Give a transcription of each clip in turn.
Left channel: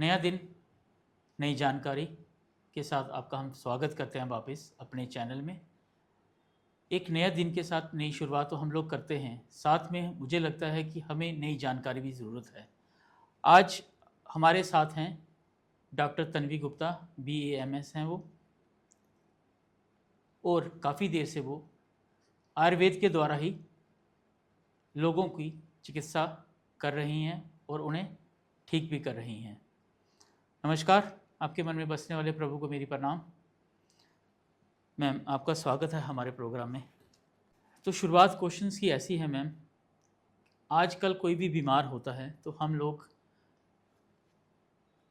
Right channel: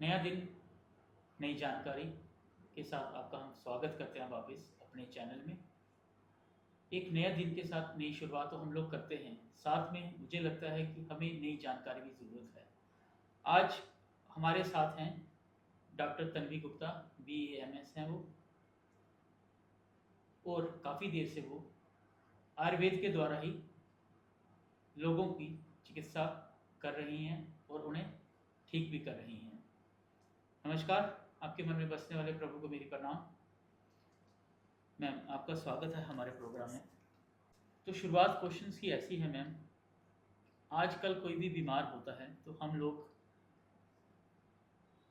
नया दिन, नई जानकारी के साथ आपका हम स्वागत करते हैं वापस अपने चैनल में। एक नया दिन के साथ नई शुरुआत तो हम लोग करते हैं, साथ में मुझे लगता है कि हमें नई जानकारी भी ज़रूरत है। आज हमारे साथ हैं डॉक्टर तन्वी गुप्ता, BAMS हैं वो, और काफ़ी देर से वो आयुर्वेद के द्वारा ही लोगों की चिकित्सा कर रही हैं और उन्हें ठीक भी कर रही हैं। नमस्कार, आपके मन में बसने वाले प्रभु को मेरी प्रणाम। मैम, आपका स्वागत है हमारे प्रोग्राम में। तो शुरुआत क्वेश्चंस की ऐसी है मैम, आजकल कोई भी बीमार होता है तो हम लोग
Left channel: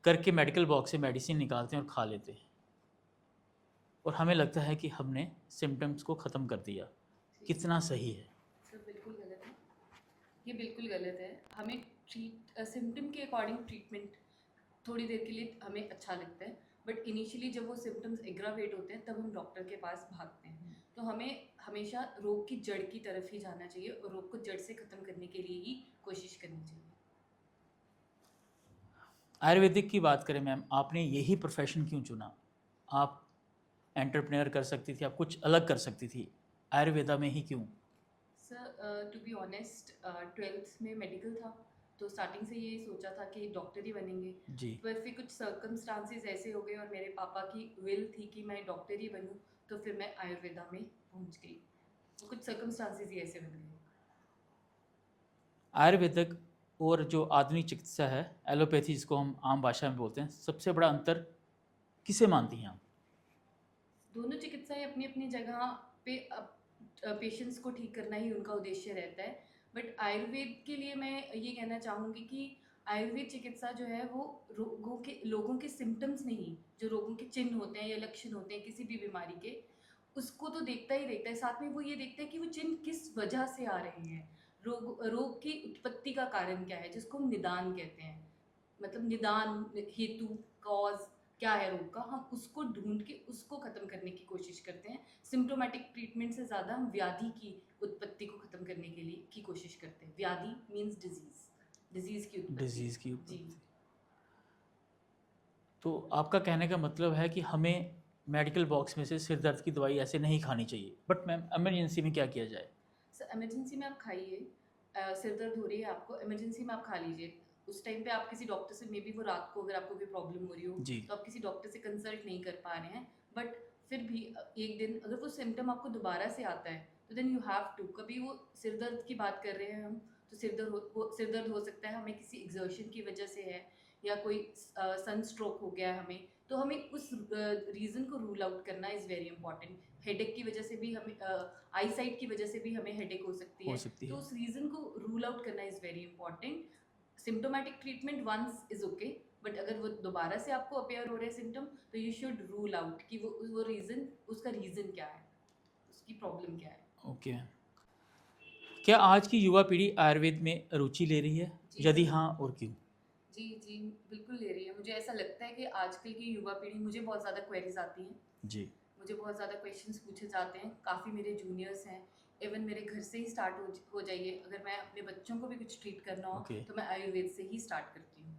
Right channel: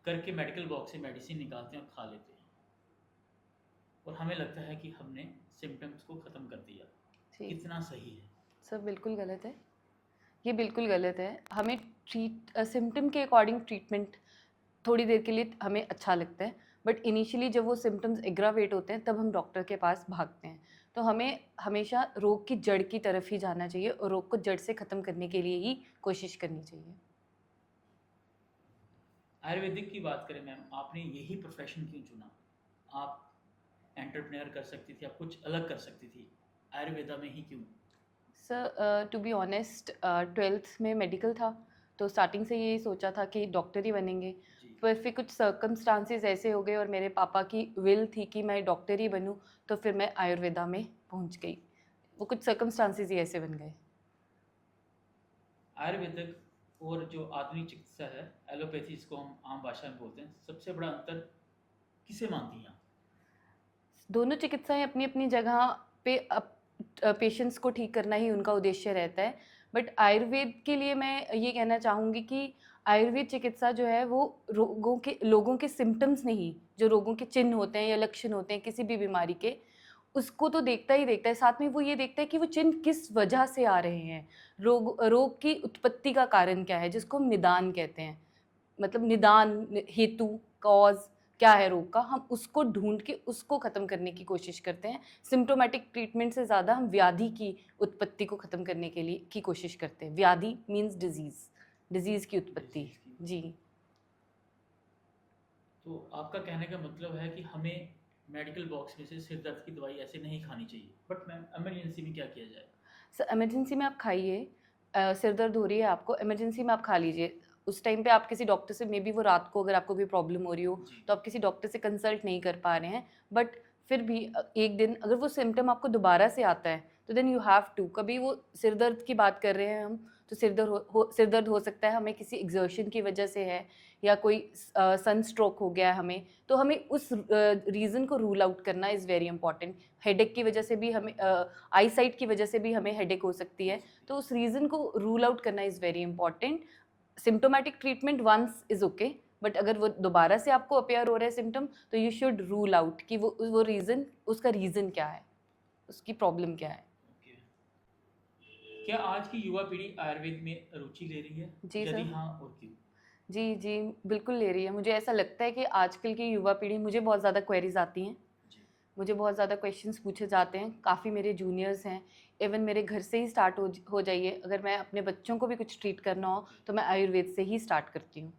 करके मेडिकल बॉक्स से मेडिसिन निकालते हैं और खा लेते हैं, और हमें लगता है कि हमने सिम्टम्स को ख़त्म कर दिया। जी कितना सही है? सर, बिल्कुल गलत है। ये बिल्कुल गलत है। हमें सिम्टम के अकॉर्डिंग ट्रीटमेंट थोड़ी देर के लिए हमें अच्छा लगता है, बट इनिशियली जब वो सिम्टम्स एग्रावेट होते हैं तब हम डॉक्टर के पास भागते हैं। तो हमें हमेशा रोग की जड़ की तरफ ही जाना चाहिए और रोग को जड़ से ख़त्म करने के लिए ही कोशिश करनी चाहिए। आयुर्वेदिक की बात करें मैम, आपने यही प्रोफेशन क्यों चुना? आप एंटरप्रेन्योर कर सकती थी, आप कुछ अलग कर सकती थी, आयुर्वेदा में ही क्यों? Sir, to be honest, 12th में मेडिकल था, तो स्टार्टिंग से यही सोचा था कि डॉक्टर ही बनेंगे। जी। पर फिर कुछ सर्कमस्टांसेस ऐसे हो गए और मेरे पापा की विल थी कि मैं डॉक्टर ही बनूं, तो फिर मैं आयुर्वेदा में पहुंच गई। वो कुछ सर्कमस्टांसेस ही ऐसे बन गए। आयुर्वेदिक और जो आधुनिक चिकित्सा है, एलोपैथी जिसको हम आम भाषा में बोलते हैं, सबसे बड़ा अंतर किसे मानती हैं आप? दोनों चिकित्साएं अपनी अपनी जगह पे पेशेंट्स को ठीक करना ही उनका उद्देश्य रहता है, बट आयुर्वेद के लिए मैं ये कहना चाहूँगी कि आयुर्वेद चिकित्सा जो है वो लोगों के सिम्टम्स नहीं, जो रोगों के चिन्ह होते हैं या लक्षण होते हैं किसी भी बीमारी के, उसको तो देखता ही देखता है। साथ में वो ये देखता है कि वो चिन्ह किस वजह से आ रहे हैं, रोग की उत्पत्ति का कारण क्या है, जिसको हम निदान कहते हैं। मतलब निदान, हेतु, कॉज क्या है रोग का, हम उसको ढूंढ के उसको ख़त्म करने की कोशिश करते हैं। सिम्टोमेटिक ट्रीटमेंट से ज़्यादा हम व्याधि की उत्पत्ति को ख़त्म करने के लिए की कोशिश करते हैं। व्याधि मीन्स डिजीज़ की उत्पत्ति। डिजीज़ की जी। उत्पत्ति। तो आपका कहने का मतलब है कि हमें मेडिकल बॉक्स में से सिर दर्द की दवाई ऐसे नहीं खानी चाहिए, बट मैम इमरजेंसी में क्या किया जाए? सर, इमरजेंसी में आप खाइए। सिर दर्द हो रही है आपको, इमरजेंसी में आप खा लीजिए। उस टाइम पे आप किसी डॉक्टर से, मे बी वो रात को अगर आपको कोई प्रॉब्लम हो रही हो जी। तो आप किसी डॉक्टर से कंसल्ट नहीं कर पा रहे हैं, बट फिर भी एक दिन अगर वो सिम्टम आपको दोबारा से आता है तो देन यू हैव टू, कभी वो सिर दर्द की बात कर रहे हैं हम, तो सिर दर्द हो सकता है हमें किसी एग्जर्शन की वजह से है, या कोई सन स्ट्रोक हो गया है हमें, तो हमें उस रीज़न को रूल आउट करना इज़ वेरी इंपॉर्टेंट। हेडेक की वजह से भी हमें, आई साइट की वजह से भी हमें हेडेक हो सकती हो है, सकती तो है। उस रीज़न को रूल आउट करना is very important. Symptomatic treatment once is okay, but अगर वो दोबारा से आपको अपेयर हो रहा है सिम्टम, तो यू शुड रूल आउट कि वो रीज़न, उसका रीज़न क्या है, उसकी प्रॉब्लम क्या है। ओके। क्या आज की युवा पीढ़ी आयुर्वेद में रुचि ले रही है? जी यदि सर। हाँ, और क्यों? जी जी, बिल्कुल ले रही है। मुझे ऐसा लगता है कि आजकल की युवा पीढ़ी, मुझे बहुत ज़्यादा क्वेरीज आती हैं, जी। मुझे बहुत ज़्यादा क्वेश्चंस पूछे जाते हैं। काफ़ी मेरे जूनियर्स हैं, इवन मेरे घर से ही स्टार्ट हो जाइए। अगर मैं अपने बच्चों को भी कुछ ट्रीट करना हो ओके। तो मैं आयुर्वेद से ही स्टार्ट करती हूँ।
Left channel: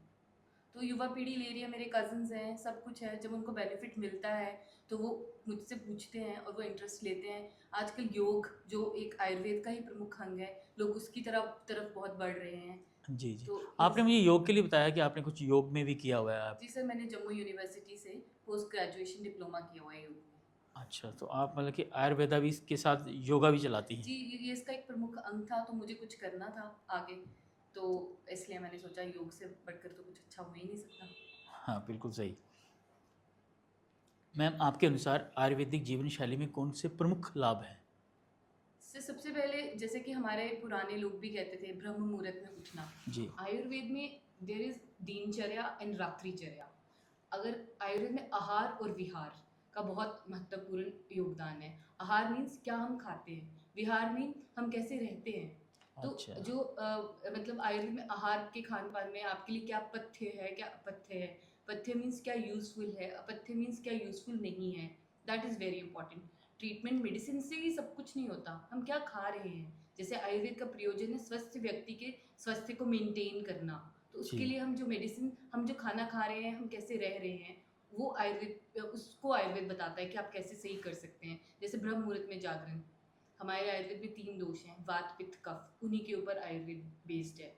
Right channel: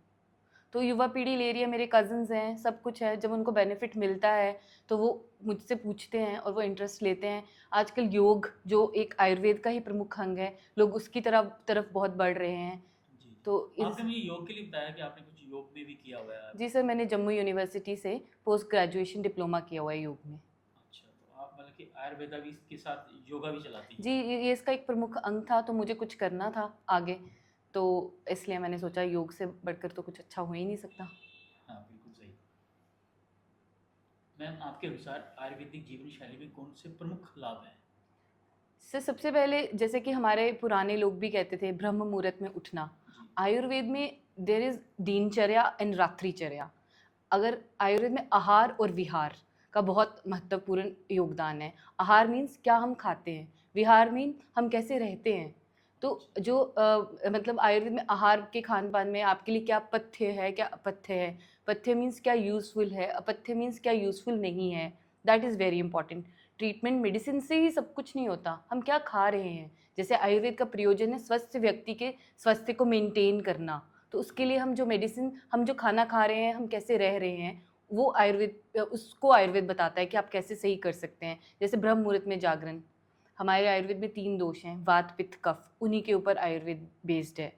तो युवा पीढ़ी ले रही है, मेरे कज़न्स हैं, सब कुछ है। जब उनको बेनिफिट मिलता है तो वो मुझसे पूछते हैं और वो इंटरेस्ट लेते हैं। आजकल योग, जो एक आयुर्वेद का ही प्रमुख अंग है, लोग उसकी तरफ बहुत बढ़ रहे हैं। जी, जी। तो आपने इस मुझे योग के लिए बताया कि आपने कुछ योग में भी किया हुआ है आप। जी सर, मैंने जम्मू यूनिवर्सिटी से पोस्ट ग्रेजुएशन डिप्लोमा किया हुआ है योग में। अच्छा, तो आप मतलब कि आयुर्वेदा भी के साथ योगा भी चलाती जी, हैं? ये इसका एक प्रमुख अंग था, तो मुझे कुछ करना था आगे, तो इसलिए मैंने सोचा योग से बढ़कर तो कुछ अच्छा हो ही नहीं सकता। हाँ, बिल्कुल सही। मैम, आपके अनुसार आयुर्वेदिक जीवन शैली में कौन से प्रमुख लाभ हैं? सबसे पहले, जैसे कि हमारे पुराने लोग भी कहते थे, ब्रह्म मुहूर्त में उठना। जी। आयुर्वेद में देयर इज दिनचर्या एंड रात्रिचर्या। अगर आयुर्वेद में आहार और विहार का बहुत महत्वपूर्ण योगदान है। आहार मीन्स क्या हम खाते हैं, विहार मीन हम कैसे रहते हैं। तो अच्छा। जो मतलब आयुर्वेद में आहार के खान पान में आपके लिए क्या पथ्य है, क्या अपथ्य है। पथ्य मीन्स क्या यूज़फुल है, अपथ्य मीन्स क्या यूज़फुल नहीं है। That is very important. Treatment medicine से ही सब कुछ नहीं होता, हम क्या खा रहे हैं। जैसे आयुर्वेद का प्रयोजन है स्वस्थ व्यक्ति के स्वास्थ्य को मेंटेन करना, तो उसके जी। लिए हम जो मेडिसिन, हम जो खाना खा रहे हैं, हम कैसे रह रहे हैं, वो आयुर्वेद, उसको आयुर्वेद बताता है कि आप कैसे सही कर सकते हैं। जैसे ब्रह्म मुहूर्त में जागरण, हमारे आयुर्वेद में 3 दोष हैं, वात पित्त कफ, उन्हीं के ऊपर आयुर्वेद बेस्ड है।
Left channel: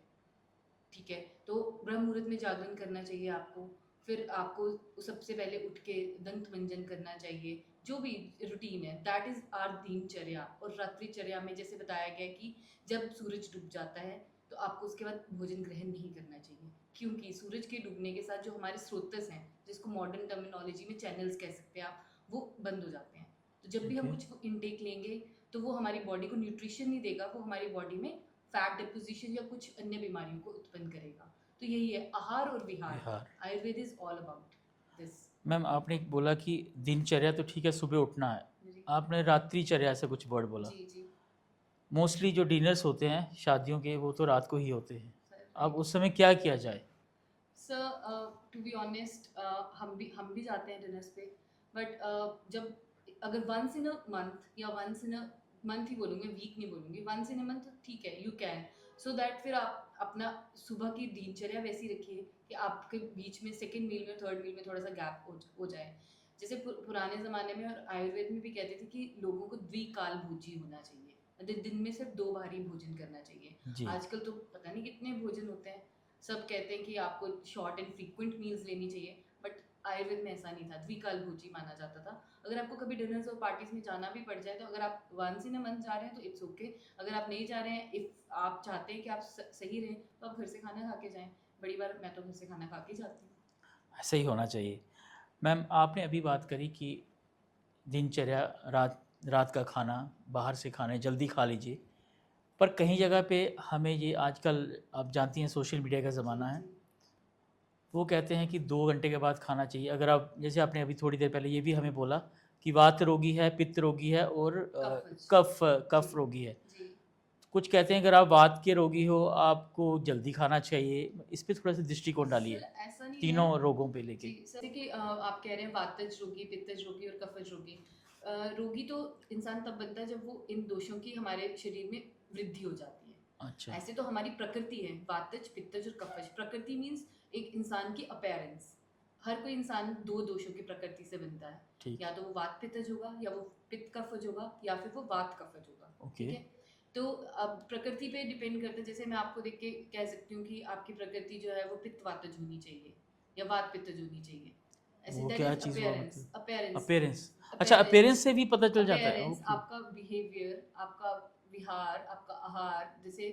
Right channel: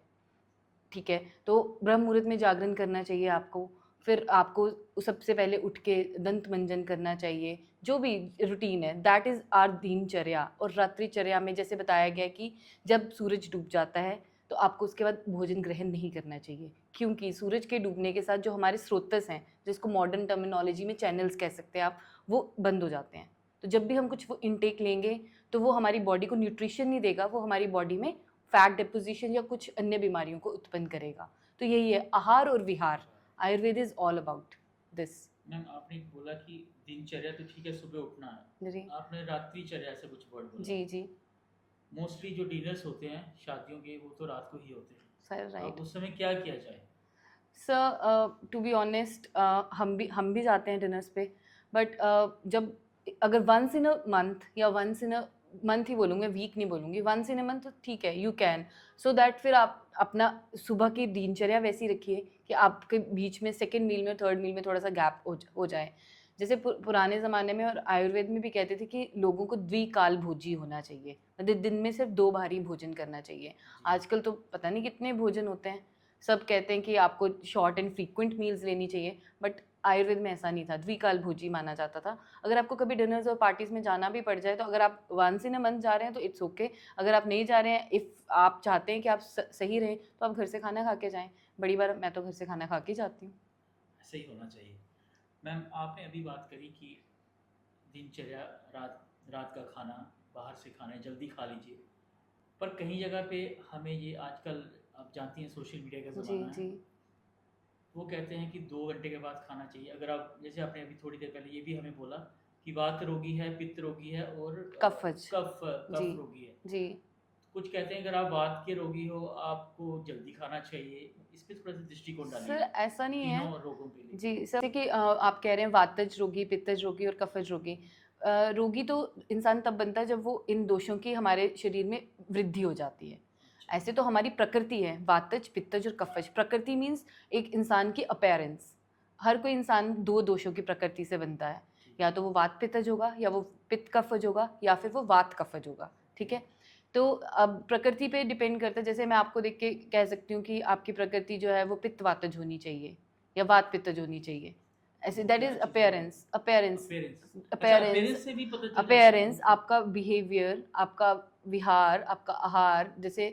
ठीक है, तो ब्रह्म मुहूर्त में जागरण करना चाहिए आपको। फिर आपको सबसे पहले उठ के दंत मंजन करना चाहिए, जो भी रूटीन है, दैट इज़ आर दिनचर्या। और रात्रिचर्या में जैसे बताया गया कि जब सूरज डूब जाता है तो आपको उसके बाद भोजन ग्रहण नहीं करना चाहिए, क्योंकि सूरज के डूबने के साथ जो हमारे स्रोतस हैं, जिसको मॉडर्न टर्मिनोलॉजी में चैनल्स कह सकते हैं आप, वो बंद हो जाते हैं। तो जब भी हम ओके। कुछ वो इनटेक लेंगे तो वो हमारी बॉडी को न्यूट्रिशन नहीं देगा, वो हमारी बॉडी में फैट डिपोजिशन या कुछ अन्य बीमारियों को उत्पन्न करेगा। तो यही है आहार और विहार। बिहार। Ayurveda is all about this. Ma'am आपने एक बोला कि दिनचर्या तो ठीक है, सुबह उठना है, जी आपने रात्रिचर्या से कुछ वर्ड बोला। जी जी मोस्टली जो डिनर्स होते हैं शादियों के वो तो रात को ही होते हैं, सर, अब राइट उस समय क्या किया जाए? सर। टू बी ऑनेस्ट, हम भी जाते हैं डिनर्स पे, बट जब अगर वंस इन अ मंथ, या वंस इन अ मंथ ही बोलूँगी, वीक नहीं बोलूँगी, वंस इन अ मंथ तो ठीक है, यू कैन। सो दैट फिर आप अपना सुबह की दिनचर्या वैसी रखिए कि आपके बीच में सेकेंड मील में, थर्ड मील में थोड़ा सा गैप हो जाए। जैसे पुराने ज़माने में और आयुर्वेद में भी कहते थे कि लोगों को द्विकाल भोजी होना चाहिए, मतलब दिन में सिर्फ 2 बार ही भोजन करना चाहिए। जी। आजकल तो पता नहीं कितने भोजन होते हैं। सब कहते हैं कि आपको शॉर्ट एंड फ्रीक्वेंट मील्स लेनी चाहिए, बट आयुर्वेद में ऐसा नहीं था, द्विकाल भोजी माना जाता था। अगर आपको कभी डिनर्स और पार्टीज में जाना भी पड़ जाए, तो अगर आप वंस इन अ मंथ जा रहे हैं तो इट्स ओके। अगर आप नहीं जा रहे हैं, इफ़ आप चाहते हैं कि आप सही रहें, तो आप घर से खाना खा के जाएं। बड़ी बार मैं तो घर से खाना खा के जाती हूँ। ऐसा ही होना चाहिए। मैम आपने अभी बात करी कि दिनचर्या, रात रात का खाना बाहर से खाना है, जल्दी खा लीजिए, पर कहीं जगह पे हमें ये आजकल, आप जानती हैं सोशल मीडिया का जी ज़माना है, जी वो कहते हैं कि 2 घंटे के बाद खाना चाहिए। अगर आप, जैसे आपने अभी थोड़ी देर पहले ये भी हमें बोला कि वात रोगी है, पित्त रोगी है और कफज। कफ जी कफ रोगी है। जी कुछ कहते हैं अगर आप वात के रोगी हो आपको जल्दी खाना चाहिए, इस पे थोड़ा सा दृष्टिकोण डालिए, सर, ऐसा नहीं है। तीनों रोगों पे लेके। जी सर, जैसे कि आप कह रहे हैं वातज रोगी, पित्तज रोगी और कफज रोगी। रोगी तो इंसान तब बनता है जब वो इन दोषों की हमारे शरीर में वृद्धि हो जाती है। अच्छा। ऐसे तो हमारी प्रकृति है, वातज पित्तज और कफज। प्रकृति मीन्स एक इंसान की अपीयरेंस। हर कोई इंसान 2 दोषों की प्रकृति से बनता है, ठीक। या तो वो वात पित्तज होगा, या वो पित्त कफज होगा, या फिर वो वात कफज होगा। ओके। ठीक है, तो अब प्रकृति पे डिपेंड करता है। जैसे मैं आपको देख के कह सकती हूँ कि आपकी प्रकृति जो है वो पित्त वातज होनी चाहिए या वात पित्तज होनी चाहिए। ऐसे वो दैट क्या इज चीज़ हुआ अपीयरेंस। मतलब? Appearance appearance. अच्छा, अपीयरेंस अपीयरेंस से भी पता चल जाता है। Appearance, okay. आपका बिहेवियर, आपका विहार, आपका आहार, जैसे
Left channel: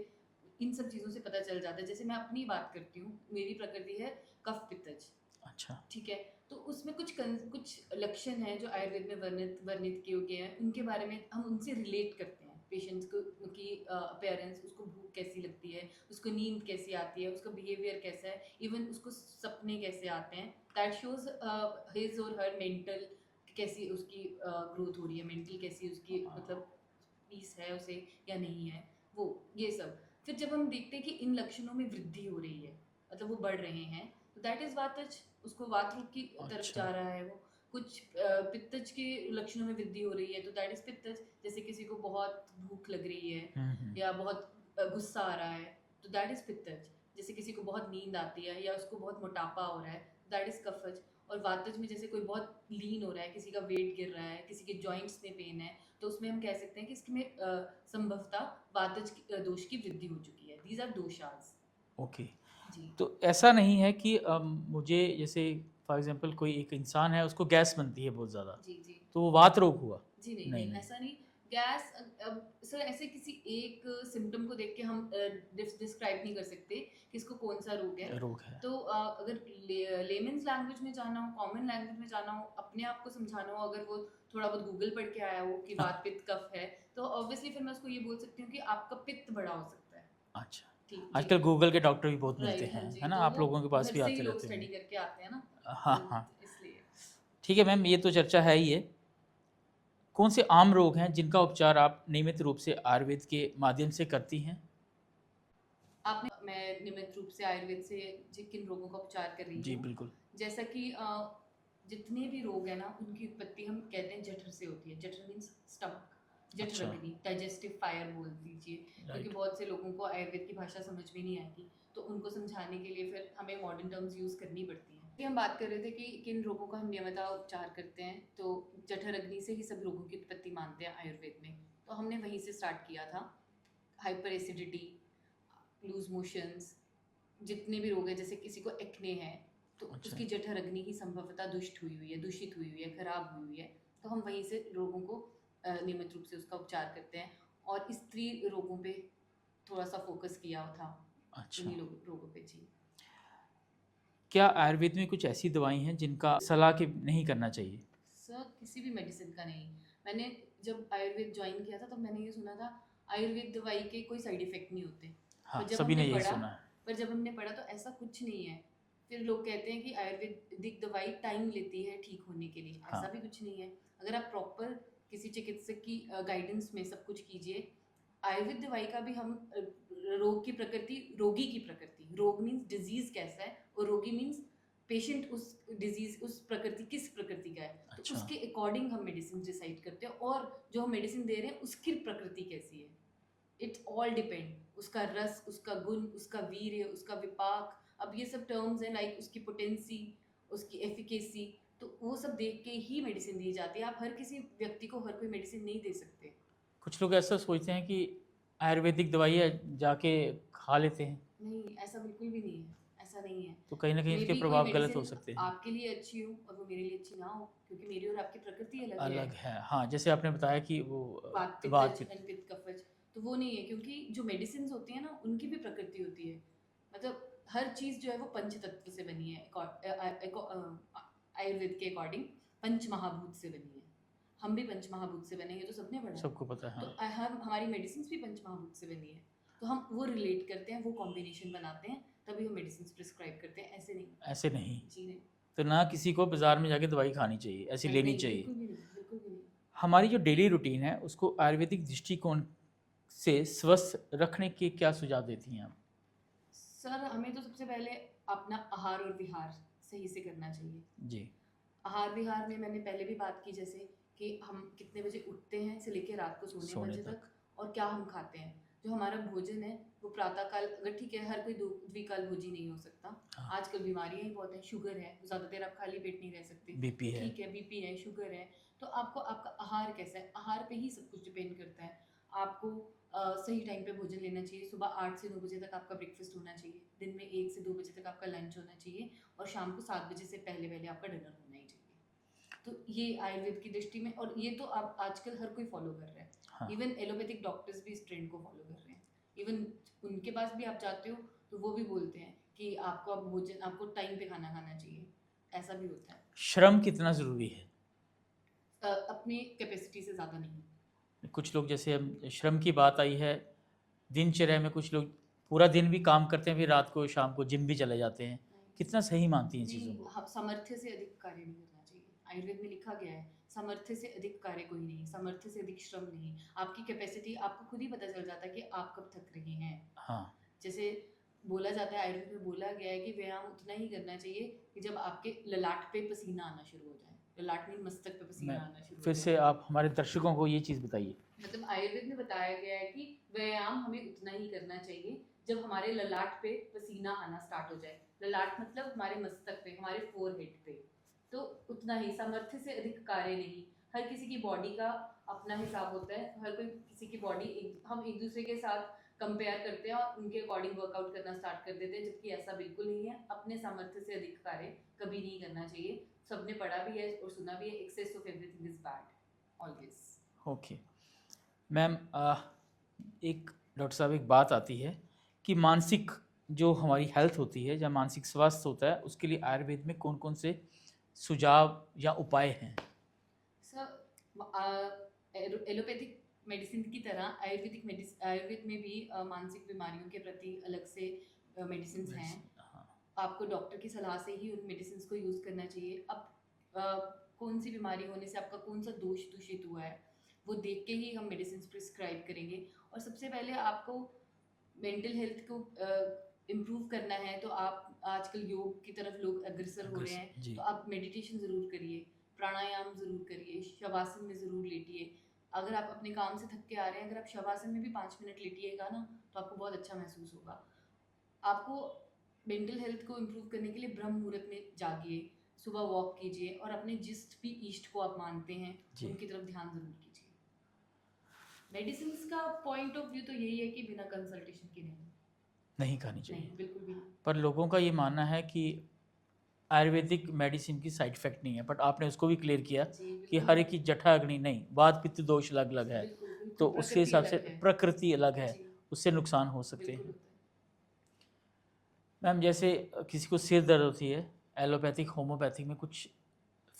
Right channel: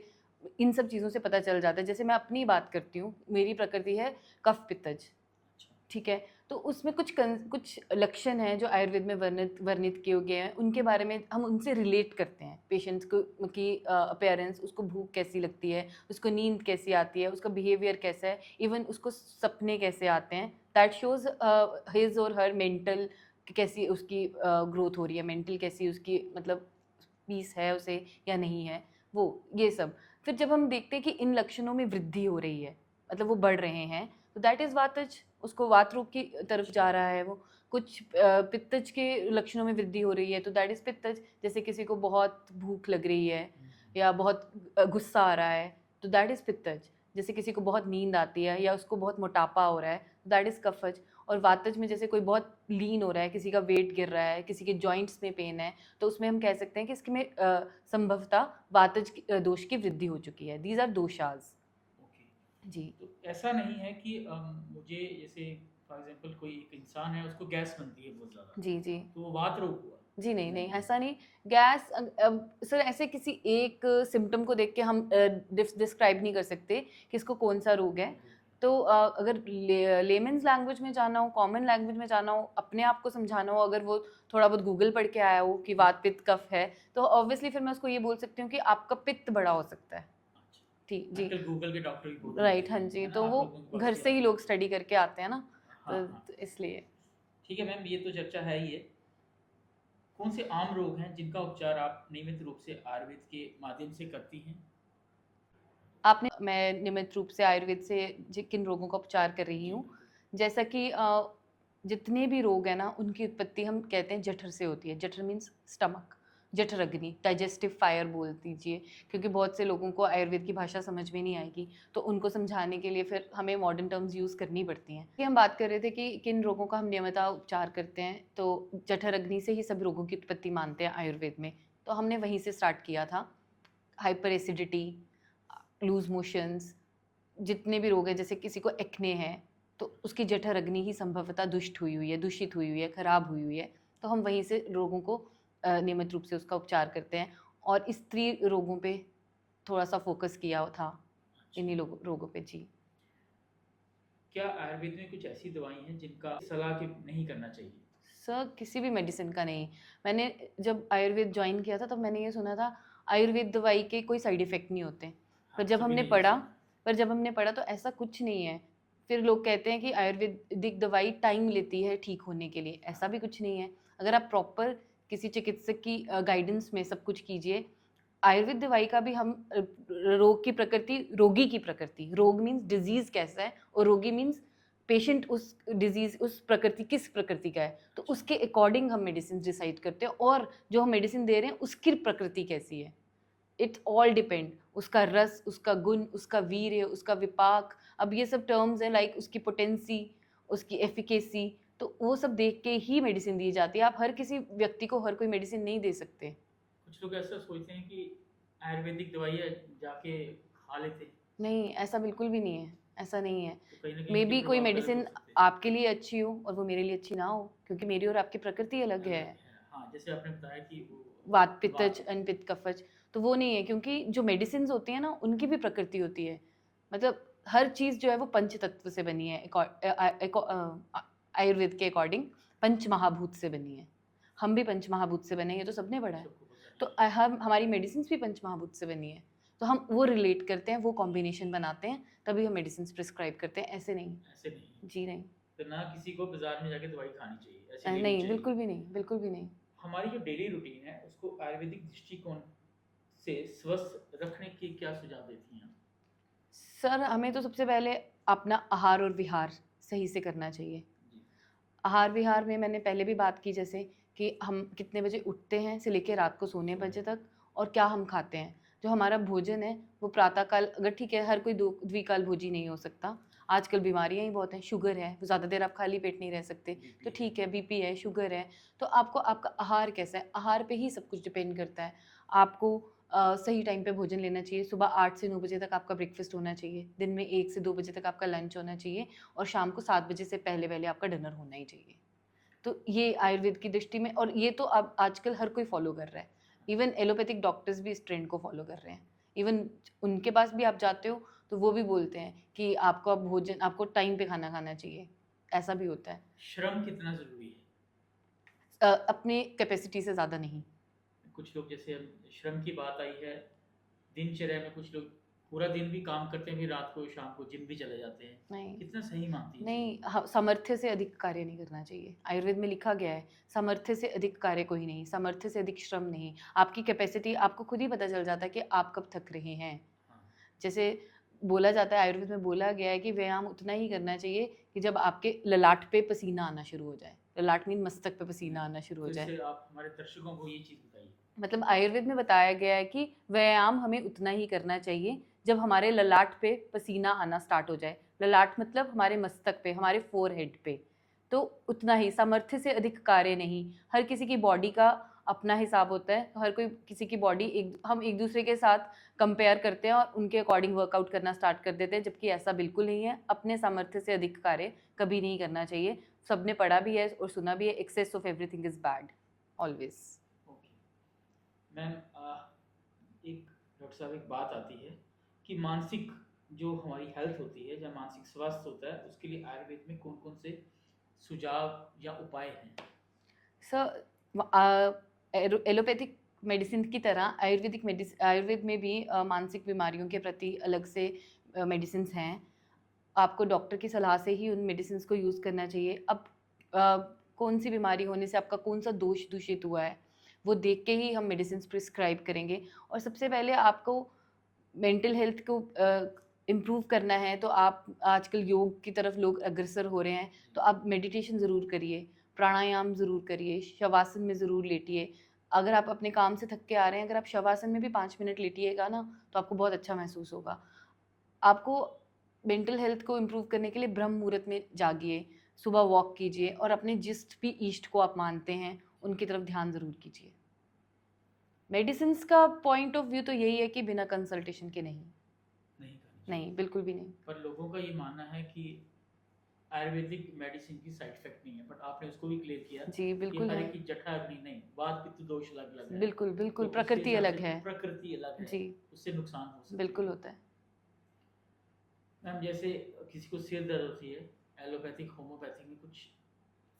इन सब चीज़ों से पता चल जाता है। जैसे मैं अपनी बात करती हूँ, मेरी प्रकृति है कफ पित्तज। अच्छा। ठीक है, तो उसमें कुछ लक्षण हैं जो आयुर्वेद में वर्णित किए गए हैं, उनके बारे में हम उनसे रिलेट करते हैं पेशेंट्स को कि अपीयरेंस, उसको भूख कैसी लगती है, उसको नींद कैसी आती है, उसका बिहेवियर कैसा है, इवन उसको सपने कैसे आते हैं। दैट शोज हिज और हर मेंटल, कैसी उसकी ग्रोथ हो रही है, मेंटल कैसी उसकी, मतलब पीस है उसे या नहीं है, वो ये सब। फिर जब हम देखते हैं कि इन लक्षणों में वृद्धि हो रही है, मतलब वो बढ़ रहे हैं, तो दैट इज वातज, उसको वात रोग की तरफ अच्छा। जा रहा है वो। कुछ पित्तज के लक्षणों में वृद्धि हो रही है, तो दैट इज पित्तज। जैसे किसी को बहुत भूख लग रही है, या बहुत गुस्सा आ रहा है, तो दैट इज पित्तज। जैसे किसी को बहुत नींद आती है, या उसको बहुत मोटापा हो रहा है, दैट इज कफज। और वातज में जैसे कोई बहुत लीन हो रहा है, किसी का वेट गिर रहा है, किसी के जॉइंट्स में पेन है, तो उसमें हम कह सकते हैं कि इसमें संभवतः वातज दोष की वृद्धि हो चुकी है। These are doshas. ओके। जी तो ऐसा नहीं है कि मुझे, जैसे फॉर एग्जांपल कोई एक इंसान है उसको गैस बनती है बहुत ज़्यादा, जी जी तो वो वात रोग हुआ? जी नहीं नहीं, नहीं। ऐसा नहीं। गैस, सर, ऐसे किसी एक सिम्टम को देख के हम डिस्क्राइब नहीं कर सकते कि इसको कौन सा रोग है। रोग है। तो अगर लेमेंस लैंग्वेज में जाना हो, कॉमन लैंग्वेज में जाना हो, अपने आप को समझाना हो, अगर वो थोड़ा बहुत गूगल पढ़ के आया हो कि वात पित्त कफ है, तो ऑब्वियसली फिर मैं उसको ये बोल सकती हूँ कि आपका पित्त बड़ा हो सकता है। अच्छा। ठीक जी, आजकल गूगल के डॉक्टर भी बहुत मिलते राइट, हाँ हैं, जी, है ना? तो आप वो लोगों के पास घर भी से ही आते लोग रहते स्टडी होंगे। करके आते हैं ना, हाँ हाँ। तो इसलिए। ठीक है मैम, ये तो चर्चा है ही है। कौन से आम रोग हैं जिनका उपचार आप नियमित रूप से आयुर्वेद के माध्यम से करती हैं? मैं नियमित रूप से आयुर्वेद से किन रोगों का उपचार कर रही जी हूँ। बिल्कुल। जैसा कि जितने भी रोग हैं ना, उनकी उत्पत्ति हम कहते हैं जठर से होती है। जठर मीन्स स्टमक। जठरग्नि, डाइजेस्टिव फायर बोल दीजिए, क्योंकि Right. बहुत से लोगों को आयुर्वेद की भाषा समझ में नहीं आएगी, तो उनको समझाने के लिए फिर हमें मॉडर्न टर्म्स यूज़ करनी पड़ती हैं। कि हम बात कर रहे थे कि किन रोगों का हम नियमित उपचार करते हैं, तो जठरग्नि से ही सब रोगों की उत्पत्ति मानते हैं आयुर्वेद में, तो हमने वहीं से स्टार्ट किया था। हाइपर एसिडिटी, लूज मोशंस, जितने भी रोग हैं, जैसे किसी को एक्ने है तो अच्छा। उसकी जठरग्नि ही संभवतः दूषित हुई हुई है, खराब हुई हुई है, तो हम वहीं से रोगों को नियमित रूप से उसका उपचार करते हैं। और स्त्री रोगों पे थोड़ा सा फोकस किया था, अच्छा, इन्हीं रोगों पे जी। क्या आयुर्वेद में कुछ ऐसी दवाई हैं जिनका सलाह के नहीं करना चाहिए? सर किसी भी मेडिसिन का नहीं। मैंने जब आयुर्वेद ज्वाइन किया था तब मैंने ये सुना था आयुर्वेद दवाई के कोई साइड इफेक्ट नहीं होते, हाँ, पर जब सभी हमने ने यही पढ़ा सुना है। तो ऐसा कुछ नहीं है। फिर लोग कहते हैं कि आयुर्वेदिक दवाई टाइम लेती है ठीक होने के लिए, ऐसा हाँ। भी कुछ नहीं है। अगर आप प्रॉपर किसी चिकित्सक की गाइडेंस में सब कुछ कीजिए। आयुर्वेद दवाई का भी हम रोग की प्रकृति, रोगी की प्रकृति, रोग मीन्स डिजीज कैसा है और रोगी मीन्स पेशेंट उस डिजीज, उस प्रकृति, किस प्रकृति का है, तो अच्छा। उसके अकॉर्डिंग हम मेडिसिन डिसाइड करते हैं, और जो हम मेडिसिन दे रहे हैं उसकी प्रकृति कैसी है, इट्स ऑल डिपेंड। उसका रस, उसका गुण, उसका वीर्य, उसका विपाक, अब ये सब टर्म्स हैं, लाइक उसकी पोटेंसी, उसकी एफिकेसी, तो वो सब देख के ही मेडिसिन दी जाती है। आप हर किसी व्यक्ति को हर कोई मेडिसिन नहीं दे सकते। कुछ लोग ऐसा सोचते हैं कि आयुर्वेदिक दवाई है जाके खा लेते हैं, नहीं, ऐसा बिल्कुल भी नहीं है, ऐसा नहीं है। तो कहीं ना कहीं मे इसके बी कोई प्रभाव गलत हो मेडिसिन सकते हैं। आपके लिए अच्छी हो और वो मेरे लिए अच्छी ना हो, क्योंकि मेरी और आपकी प्रकृति अलग है। अलग है, हाँ, जैसे आपने बताया कि वो वात पित्तज, पित्त। अनपित्त कफज, तो वो नहीं है, क्योंकि जो मेडिसिन होती है ना उनकी भी प्रकृति होती है। मतलब हर चीज़ जो है वो पंच तत्व से बनी है, आयुर्वेद के अकॉर्डिंग पंच महाभूत से बनी है। हम भी पंच महाभूत से बने हैं, ये तो सबने पढ़ा है। सबको पता है, तो हाँ। हम, हमारी मेडिसिन भी पंच महाभूत से बनी है, तो हम वो रिलेट करते हैं, वो कॉम्बिनेशन बनाते हैं, तभी हम मेडिसिन प्रिस्क्राइब करते हैं, ऐसे नहीं। ऐसे नहीं, जी नहीं। तो ना किसी को बाजार में जाके दवाई खानी चाहिए, ऐसी लेनी नहीं, चाहिए। बिल्कुल भी नहीं, बिल्कुल भी नहीं। हमारी जो डेली रूटीन है उसको आयुर्वेदिक दृष्टिकोण से स्वस्थ रखने के क्या सुझाव देती हैं आप? सर हमें तो सबसे पहले अपना आहार और विहार सही से करना चाहिए। जी। आहार विहार में मैंने पहले भी बात की, जैसे कि हम कितने बजे उठते हैं से लेकर रात को सोने बजे तक, और क्या हम खाते हैं। जो हमारा भोजन है वो प्रातःकाल, अगर ठीक है हर कोई द्विकाल भोजी नहीं हो सकता, हाँ। आजकल बीमारियां ही बहुत हैं, शुगर है, ज़्यादा देर आप खाली पेट नहीं रह सकते, बीपी तो है। ठीक है, बीपी है, शुगर है, तो आपको आपका आहार कैसा है, आहार पे ही सब कुछ डिपेंड करता है। आपको सही टाइम पे भोजन लेना चाहिए। सुबह 8 से 9 बजे तक आपका ब्रेकफास्ट होना चाहिए, दिन में 1 से 2 बजे तक आपका लंच होना चाहिए, और शाम को 7 बजे से पहले पहले आपका डिनर होना ही चाहिए। तो ये आयुर्वेद की दृष्टि में, और ये तो अब आजकल हर कोई फॉलो कर रहा है। हाँ। इवन एलोपैथिक डॉक्टर्स भी इस ट्रेंड को फॉलो कर रहे हैं। इवन उनके पास भी आप जाते हो तो वो भी बोलते हैं कि आपको अब भोजन, आपको टाइम पे खाना खाना चाहिए, ऐसा भी होता है। श्रम कितना ज़रूरी है? अपने कैपेसिटी से ज़्यादा नहीं। कुछ लोग, जैसे अब श्रम की बात आई है, दिनचर्या में कुछ लोग पूरा दिन भी काम करते हैं, फिर रात को शाम को जिम भी चले जाते हैं, नहीं, कितना सही मानती हैं नहीं, चीज़ों को? सामर्थ्य से अधिक कार्य नहीं करना चाहिए। आयुर्वेद में लिखा गया है, सामर्थ्य से अधिक कार्य कोई नहीं, सामर्थ्य से अधिक श्रम नहीं। आपकी कैपेसिटी, आपको खुद ही पता चल जाता है कि आप कब थक रहे हैं। हाँ। जैसे बोला जाता है, आयुर्वेद में बोला गया है कि व्यायाम उतना ही करना चाहिए कि जब आपके ललाट पे पसीना आना शुरू हो जाए। ललाट मीन मस्तक पे पसीना आना शुरू हो फिर जाए। से आप हमारे दर्शकों को ये चीज़ बताइए। मतलब आयुर्वेद में बताया गया है कि व्यायाम हमें उतना ही करना चाहिए जब हमारे ललाट पे पसीना आना स्टार्ट हो जाए। ललाट मतलब हमारे मस्तक पे, हमारे फोरहेड पे, तो उतना ही, सामर्थ्य से अधिक कार्य नहीं। हर किसी की बॉडी का अपना हिसाब होता है, हर कोई किसी की बॉडी, हम एक दूसरे के साथ कंपेयर करते हैं और उनके अकॉर्डिंग वर्कआउट करना स्टार्ट कर देते हैं, जबकि ऐसा बिल्कुल नहीं है। अपने सामर्थ्य से अधिक कार्य कभी नहीं करना चाहिए। सबने पढ़ा भी है और सुना भी है, excess of everything is bad always. Okay ma'am, एक डॉक्टर साहब, एक बात आती है कि मानसिक जो हमारी हेल्थ होती है या मानसिक स्वास्थ्य होता है, उसके लिए आयुर्वेद में कौन कौन से सुझाव या उपाय हैं? सर एलोपैथिक मेडिसिन की तरह आयुर्वेद में भी मानसिक बीमारियों के प्रति अलग से मेडिसिन हैं। हाँ। आपको डॉक्टर की सलाह से ही उन मेडिसिन को यूज़ करना चाहिए। अब कौन सी बीमारी होने से आपका कौन सा दोष दूषित हुआ है, वो देख के ही हम मेडिसिन प्रिस्क्राइब करेंगे। और सबसे पहले आपको मेंटल हेल्थ को इम्प्रूव करना है, तो आप आजकल योग की तरफ लोग अग्रसर हो रहे हैं, जी। तो आप मेडिटेशन ज़रूर करिए, प्राणायाम ज़रूर करिए, शवासन में ज़रूर लेटिए। अगर आप अपने काम से थक के आ रहे हैं, अगर आप शवासन में भी 5 मिनट लेटिएगा ना तो आपको बहुत अच्छा महसूस होगा। आपको मेंटल हेल्थ को इम्प्रूव करने के लिए ब्रह्म मुहूर्त में जागिए, सुबह वॉक कीजिए और अपने जिस भी ईष्ट को आप मानते हैं जी। उनकी तरफ ध्यान ज़रूर कीजिए। मेडिसिन का पॉइंट ऑफ व्यू तो यही है कि बिना कंसल्टेशन के नहीं खानी चाहिए। नहीं, बिल्कुल भी नहीं। पर लोगों का ये मानना है कि आयुर्वेदिक मेडिसिन की साइड इफेक्ट नहीं है, बट आपने उसको भी क्लियर किया जी कि बिल्कुल हर है। एक की जठा अग्नि नहीं, वात पित्त दोष अलग अलग है, बिल्कुल तो बिल्कुल, उसके प्रकृति हिसाब अलग से है। प्रकृति अलग है, जी उससे नुकसान हो सकते बिल्कुल हैं। होता है। मैम जैसे किसी को सिर दर्द होती है, एलोपैथिक होम्योपैथिक में कुछ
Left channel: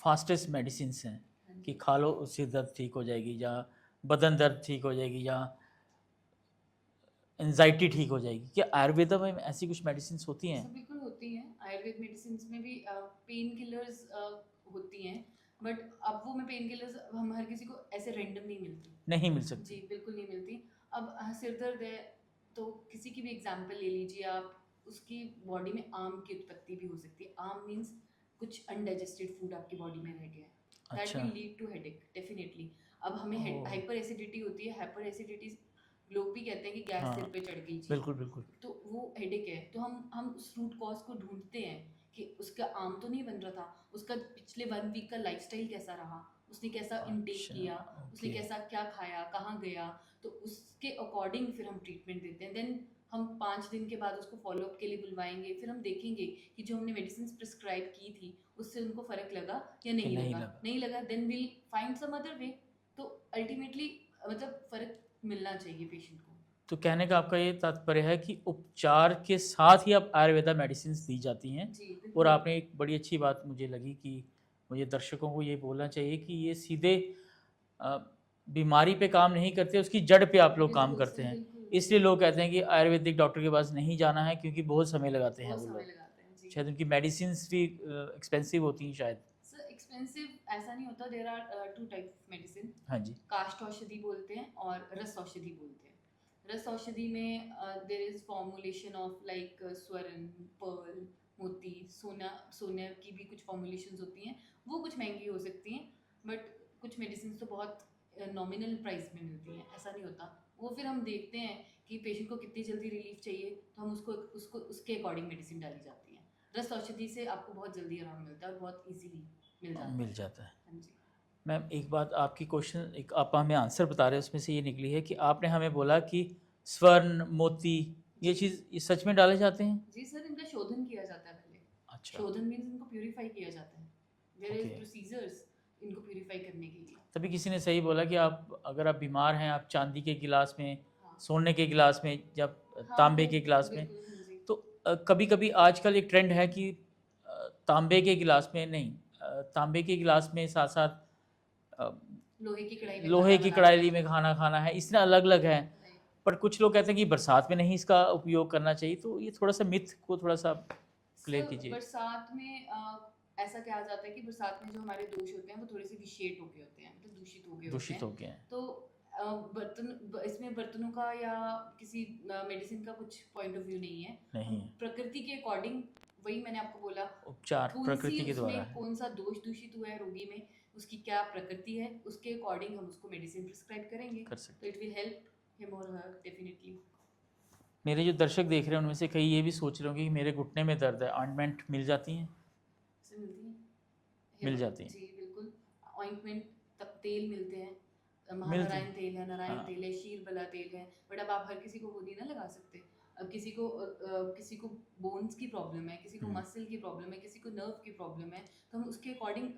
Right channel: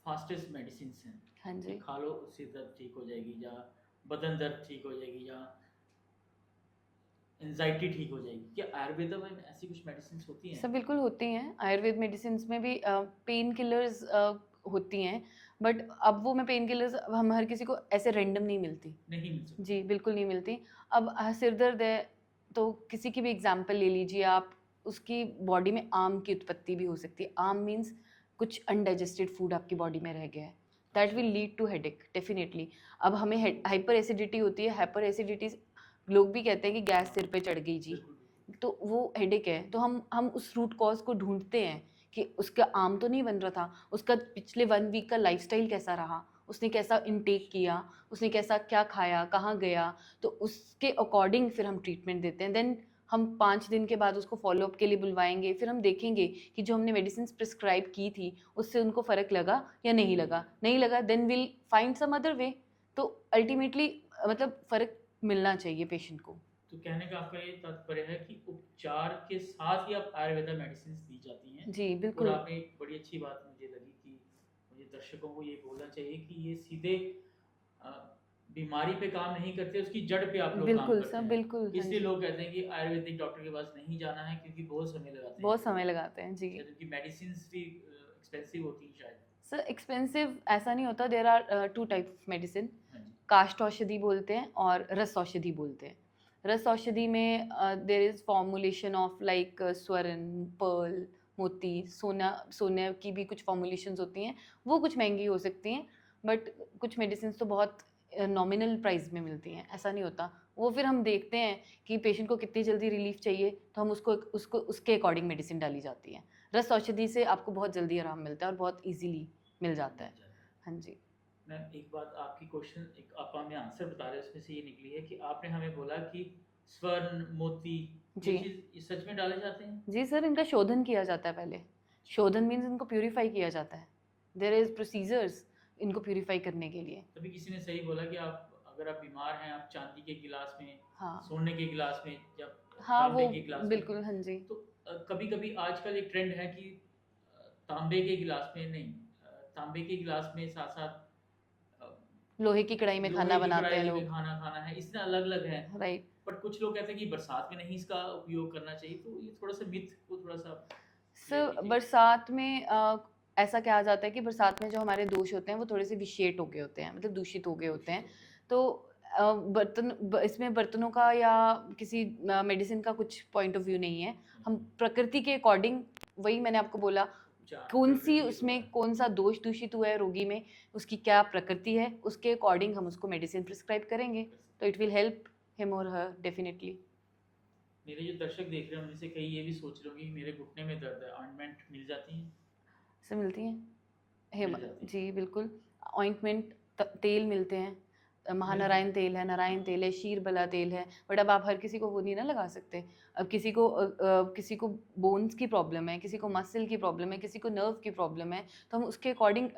फास्टेस्ट मेडिसिन हैं हाँ कि जी। खा लो सिर दर्द ठीक हो जाएगी, या बदन दर्द ठीक हो जाएगी, या एंजाइटी ठीक हो जाएगी। क्या आयुर्वेद में ऐसी कुछ मेडिसिन होती हैं? सब बिल्कुल होती हैं। आयुर्वेद मेडिसिन में भी पेन किलर्स होती हैं, बट अब वो मैं पेन किलर्स हम हर किसी को ऐसे रैंडम नहीं मिलती। नहीं मिल सकती। जी बिल्कुल नहीं मिलती। अब सिर दर्द है तो किसी की भी एग्जांपल ले लीजिए आप, उसकी बॉडी में आम की उत्पत्ति भी हो सकती है। आम मीन्स कुछ अनडाइजेस्टेड फूड आपकी बॉडी में रह गया है, दैट अच्छा। Will lead to headache definitely. अब हमें ओह। हाइपर एसिडिटी होती है। हाइपर एसिडिटी लोग भी कहते हैं कि गैस हाँ, सिर पे चढ़ गई जी, बिल्कुल बिल्कुल। तो वो हेडेक है। तो हम उस रूट कॉज को ढूंढते हैं कि उसका आम तो नहीं बन रहा था, उसका पिछले 1 वीक का लाइफस्टाइल कैसा रहा, उसने कैसा इनटेक अच्छा, किया, उसने ओके। कैसा क्या खाया, कहाँ गया, तो उसके अकॉर्डिंग फिर हम ट्रीटमेंट देते हैं। देन हम 5 दिन के बाद उसको फॉलोअप के लिए बुलवाएंगे, फिर हम देखेंगे कि जो हमने मेडिसिन प्रिस्क्राइब की थी उससे उनको फ़र्क लगा या नहीं लगा। नहीं लगा then will find some other way. तो अल्टीमेटली मतलब फ़र्क मिलना चाहिए पेशेंट को। तो कहने का आपका ये तात्पर्य है कि उपचार के साथ ही अब आयुर्वेदा मेडिसिन दी जाती हैं। जी और बिल्कुल। आपने एक बड़ी अच्छी बात मुझे लगी कि मुझे दर्शकों को ये बोलना चाहिए कि ये सीधे अ, बीमारी पे काम नहीं करते, उसकी जड़ पे आप लोग काम बिल्कुल करते सब हैं। बिल्कुल, हाँ इसलिए जी। लोग कहते हैं कि आयुर्वेदिक डॉक्टर के पास नहीं जाना है, क्योंकि बहुत समय लगाते हैं बहुत वो समय लोग। लगाते हैं जी। शायद उनकी मेडिसिन भी एक्सपेंसिव होती हैं शायद। सर एक्सपेंसिव ऐसा नहीं होता। There are 2 type of medicine. हाँ जी। काष्ठ औषधि बोलते हैं और रस औषधि बोलते हैं। रस औषधि में there is formulation of like स्वर्ण, पर्ल, मोती, सोना, सोने की भी कुछ फॉर्मुलेशंस होती हैं। वो कुछ महंगी हो सकती हैं, बट कुछ मेडिसिन तो बहुत नॉमिनल प्राइस में मिलती हैं। ऐसा नहीं होता। वो फिर हम देखते हैं कि पेशेंट को कितनी जल्दी रिलीफ चाहिए, तो हम उसको उसको उसके अकॉर्डिंग मेडिसिन डाली जाती है। रस औषधि से आपको बहुत जल्दी आराम मिलता है और बहुत इजीली मिल जाता मिल है। जाता है। हाँ जी। मैम एक बात, आपकी क्वेश्चन एक आप हमें आंसर बता रहे हैं, उसमें से ये निकली है कि आपने हमें बोला कि स्वर्ण, मोती, ये जी चीज़ ये सच में डाले जाते हैं? जी सर, इनका शोधन किया जाता है पहले। अच्छा। शोधन मीन्स इनको प्यूरिफाई किया जाता है। There is okay. प्रोसीजर्स इनको प्यूरिफाई करने के लिए। तभी किसी ने सही बोला कि आप अगर आप बीमार हैं, आप चांदी के गिलास में, हाँ सोने के गिलास में, जब हाँ तांबे वो के गिलास में, बिल्कुल, हाँ जी। तो कभी कभी आजकल एक ट्रेंड है कि तांबे के गिलास में नहीं, तांबे के गिलास में साथ साथ लोहे की कढ़ाई में लोहे खाना की बनाते हैं कढ़ाई में लोग। खाना खाना है, इसमें अलग अलग है। राइट। पर कुछ लोग कहते हैं कि बरसात में नहीं इसका उपयोग करना चाहिए, तो ये थोड़ा सा मिथ को थोड़ा सा क्लियर सर कीजिए। बरसात में ऐसा कहा जाता है कि बरसात में जो हमारे दोष होते हैं वो थोड़े से विशेट हो गए होते हैं, मतलब दूषित हो गए होते दूषित हैं। हो गया है। तो इसमें बर्तनों का या किसी मेडिसिन का कुछ पॉइंट ऑफ व्यू नहीं है। हम नहीं, प्रकृति के अकॉर्डिंग, वही मैंने आपको बोला, उपचार कौन सी प्रकृति के द्वारा उसमें है। कौन सा दोष दूषित हुआ है रोगी में, उसकी क्या प्रकृति है, उसके अकॉर्डिंग हम उसको मेडिसिन प्रिस्क्राइब करेंगे। कर सकते तो इट विल हेल्प हिम और हर डेफिनेटली। मेरे जो दर्शक देख रहे हैं उनमें से कई ये भी सोच रहे होंगे कि मेरे घुटने में दर्द है, ऑइंटमेंट मिल जाती हैं? से मिलती हैं। मिल जाती हैं। जी बिल्कुल। ऑइंटमेंट, तेल मिलते हैं। मिलते महानारायण हैं। तेल है, नारायण हाँ। तेल है, शीरबला तेल है। बट अब आप हर किसी को वो नहीं ना लगा सकते। अब किसी को बोन्स की प्रॉब्लम है, किसी को मसल की प्रॉब्लम है, किसी को नर्व की प्रॉब्लम है, तो हम उसके अकॉर्डिंग